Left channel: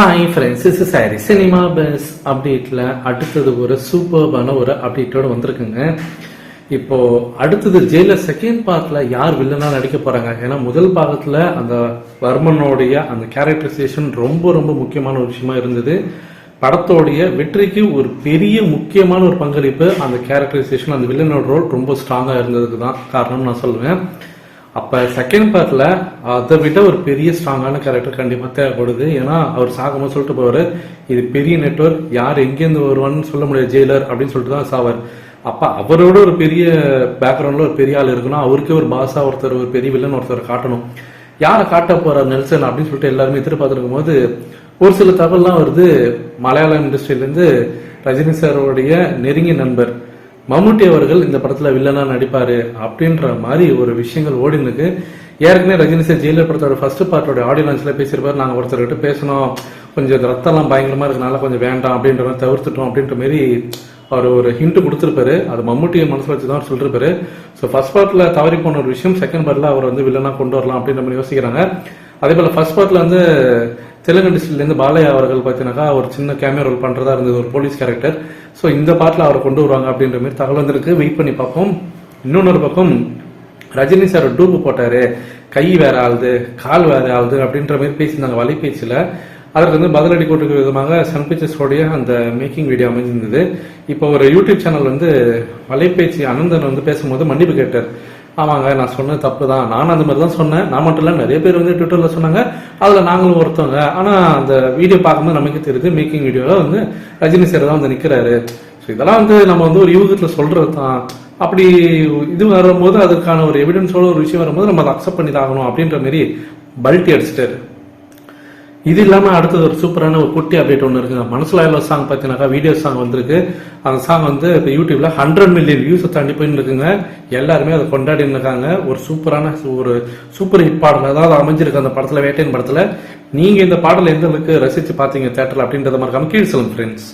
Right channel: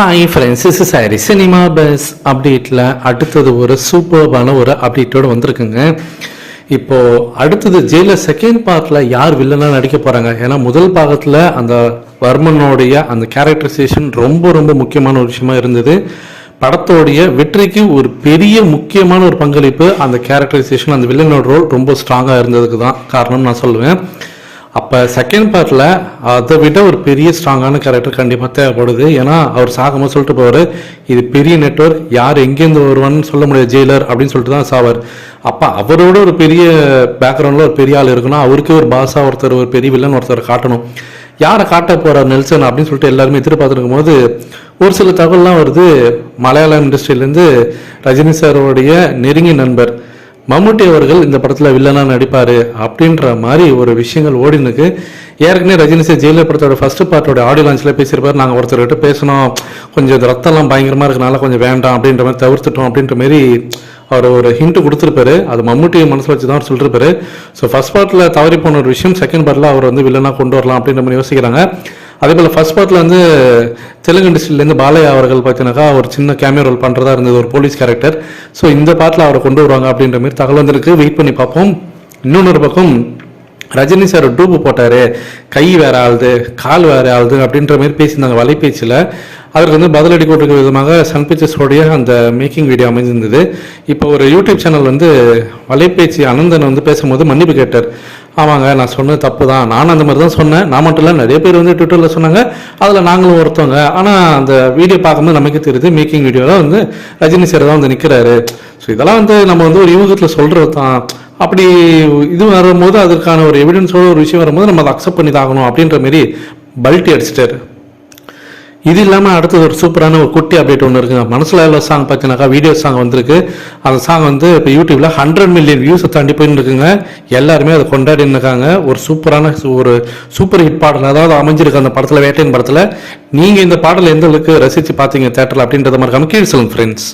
Hi friends is sorry cinema buzz அப்டேட்டில் அடுத்தது ஒரு சூப்பர்பான ஒரு அப்டேட்டோடு வந்திருக்குங்க. இப்போ அடுத்தது ஜெயிலில் செகண்ட் பார்ட்டில் யார் வில்லனாக நடிக்க போகிறாங்க ஏன்னா முதல் பாகத்தில் அந்த வர்மனுடைய அந்த கேரக்டரைசேஷன் ரொம்ப ரொம்ப முக்கியமான ஒரு விஷயமா இருந்தது. படத்தோடைய வெற்றிக்கு ஒரு பெரிய முக்கியமான ஒரு பங்களிப்பு அந்த கேரக்டரைசேஷன் அந்த வில்லனோட ரோல் ரொம்ப ஸ்ட்ராங்காக இருந்ததுக்கு தான் காரணம் நான் சொல்லுவேன். அப்போ செகண்ட் பார்ட்டில் அதை விட ஒரு பெரிய ஸ்ட்ராங்கான கேரக்டர் கண்டிப்பாக தேவைப்படுது. ஏன்னா அவர் சாகமாக சொல்லிட்டு போவார் இது பெரிய நெட்வொர்க் யார் எங்கேருந்து வருவான்னு சொல்ல முடியாது ஜெயிலர் அப்படின்னு சொல்லிட்டு தான் சாவார். அப்போ அவரோட ஒரு பெரிய பேக்ரவுண்டில் ஒரு பெரிய ஆள் இருக்குன்னா அவருக்கே ஒரு பாஸாக ஒருத்தர் ஒரு பெரிய வில்லன் ஒருத்தர் காட்டணும். யாரை காட்ட போகிறார் நெல்சன் அப்படின்னு சொல்லிட்டு எல்லாருமே எதிர்பார்த்துருக்கும் போது ஒரு சில தகவல்லாம் வருது. மலையாள இண்டஸ்ட்ரியிலேருந்து ரஜினி சாரோடைய நெருங்கிய நண்பர். மம்முட்டி அவர்கள் இந்த படத்தில் வில்லனாக நடிப்பார் அப்படின்ற மாதிரி ஒரு விஷயங்கள் ஓடினுக்கு. ஏற்கனவே ரஜினி சார் ஜெயிலர் படத்தோட ஃபர்ஸ்ட் பார்ட்டோட ஆடியோ லான்ச்சில் பேசியிருப்பார். நாங்கள் ஒருத்தர்கிட்ட பேசணும். கொஞ்சம் இந்த ரத்தம்லாம் பயங்கரமாக இருக்கனால கொஞ்சம் வேண்டாம் அப்படின்ற மாதிரி தவிர்த்துட்டோம் அப்படின்ற மாதிரி அவர் ஒரு ஹிண்ட் கொடுத்துருப்பாரு. அது மம்முட்டியை மனசில் வச்சு தான் சொல்லிருப்பாரு. ஸோ ஃபர்ஸ்ட் பார்ட்டில் தவறி போன ஒரு விஷயம் செகண்ட் பார்ட்டில் அவர் வந்து வில்லனாக கொண்டு வரலாம் அப்படின்ற மாதிரி யோசிக்கிறாங்க. அதே போல் ஃபர்ஸ்ட் பார்ட்டில் வந்து தெலுங்கு இண்டஸ்ட்ரியிலேருந்து பாலையா அவர்கள் பார்த்தீங்கன்னாக்கா ஒரு சின்ன கேமியோ ரோல் பண்ணுறதா இருந்தது ஒரு போலீஸ் கேரக்டர் ஸோ இந்த பார்ட்டில் அவரை கொண்டு வருவாங்க அப்படின்ற மாதிரி தகவல் வந்திருக்கு. வெயிட் பண்ணி பார்ப்போம். இன்னொன்று பக்கம் ரஜினி சார் டூப்பு போட்டார். கை வேற ஆளுது கால் வேற ஆளுது அப்படின்ற மாதிரி பேசியிருந்தாங்க. வலைபேச்சில் அவருக்கு வந்து பதிலடி கொடுக்கிற விதமாக சன் பிக்சர்ஸோடைய அந்த மேக்கிங் வீடியோ அமைஞ்சிருந்தது இப்போ ஒரு யூடியூப் சேனல் வந்து வலைபேச்சு அனந்தன் வந்து பேசும்போது மன்னிப்பு கேட்டார். ஆமாங்க நான் சொன்னது தப்பு தான் நானும் அந்த மாதிரி தான் சொன்னேன். நான் மட்டும் இல்லை நிறைய பேர் வந்து ட்விட்டரில் சொன்னாங்க. அதில் நாங்களும் ஒருத்தவங்க. ஆனால் அந்த வீடியோ பார்க்கும்போது நமக்கு தெரியுது மேக்கிங் வீடியோவில் வந்து ரஜினி சார் தான் வந்து நிற்கிறாரு ஸோ இதெல்லாம் வந்து நம்ம வந்து ஒரு யூகத்தில் சொல்கிறது தான் அப்படி இது வரும்போது அதுக்கான ஒரு எவிடன்ஸோட ஒரு விஷயம் வரும்போது நம்ம அதை அக்செப்ட் பண்ணி தாகணும் அப்படின்ற மாரி பல்ட்டி அடிச்சிட்டாரு. இது இல்லாமல் அடுத்தது ஒரு சூப்பரான ஒரு குட்டி அப்டேட் ஒன்று இருக்குங்க. மனசில் எவ்வளோ சாங் பார்த்தீங்கன்னாக்கா வீடியோ சாங் வந்திருக்கு. அந்த சாங் வந்து இப்போ யூடியூப்பில் ஹண்ட்ரட் மில்லியன் வியூஸை தாண்டி போயின்னு இருக்குங்க எல்லாருமே அதை கொண்டாடின்னு இருக்காங்க ஒரு சூப்பரான ஒரு சூப்பர் ஹிட் பாடல் அதாவது அமைஞ்சிருக்கு அந்த படத்தில் வேட்டையின் படத்தில். நீங்கள் இந்த பாடல் எந்த அளவுக்கு ரசித்து பார்த்தீங்க தேட்டரில் அப்படின்றத மறக்காமல் கீழ் சொல்லுங்கள் ஃப்ரெண்ட்ஸ்